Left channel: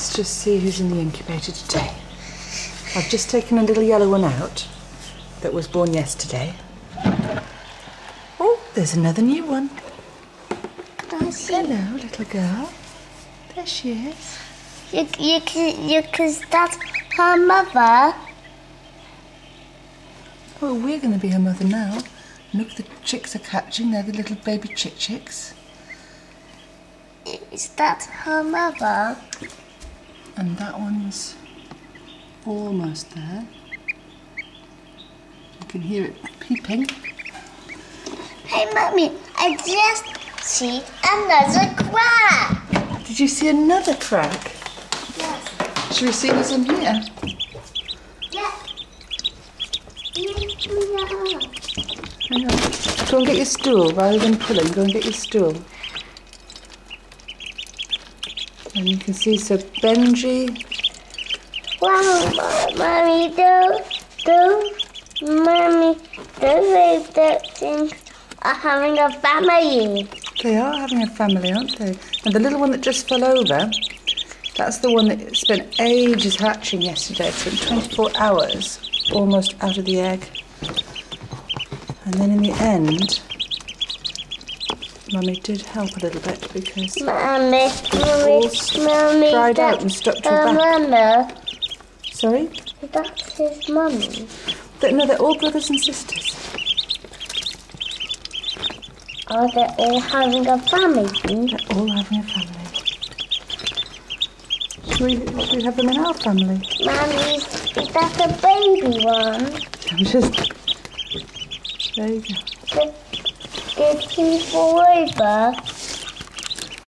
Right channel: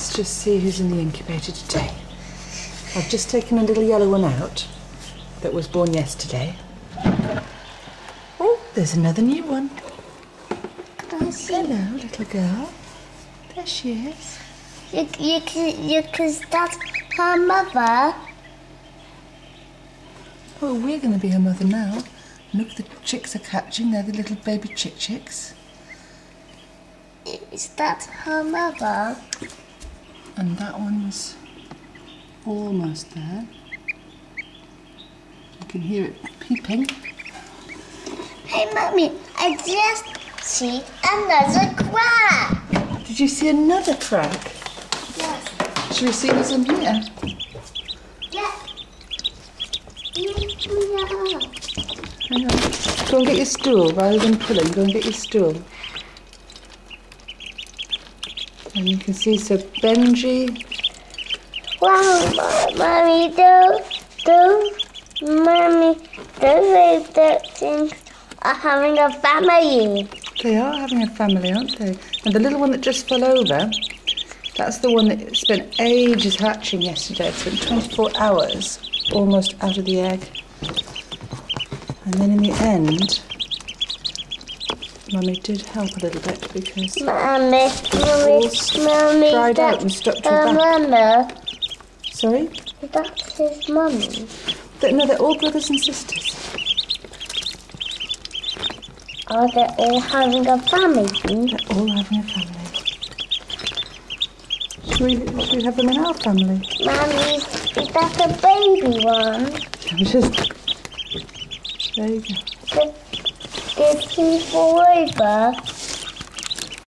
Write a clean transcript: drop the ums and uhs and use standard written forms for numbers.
Let's just see who's in the incubator today. I've just taken a little yellow one out that was born yesterday. Oh, there's another new one. Hello, little girl. There she is. Because that's her mother. Oh, we're going to be her mother now. Look, the chicks are hatching. They're the little baby chicks. Is that her mother? And that one's almost there. You can hear it peeping. Hey, Mummy, I just see another crack. Did you see another crack? Yes. Should we see who's in here? Yeah. Hang on. Go and get your stool rather than pulling. Go and get your stool. And you can see, so Benji. Wow, Mummy, those things are having a family. They are having a family, aren't they? And the little one that just fell over, that's the one that spent ages hatching yesterday. It spent 24 hours almost out of the egg. And then in the end, Mummy did help a little bit because Mummy, dried out and stuck to her back. Mama. Sorry? That's his mummy. No, they're all brothers and sisters. Are they all having a family? They're all having a family. Should we have them in our family? Mummy, is that a baby one? There you go. Did he fall over?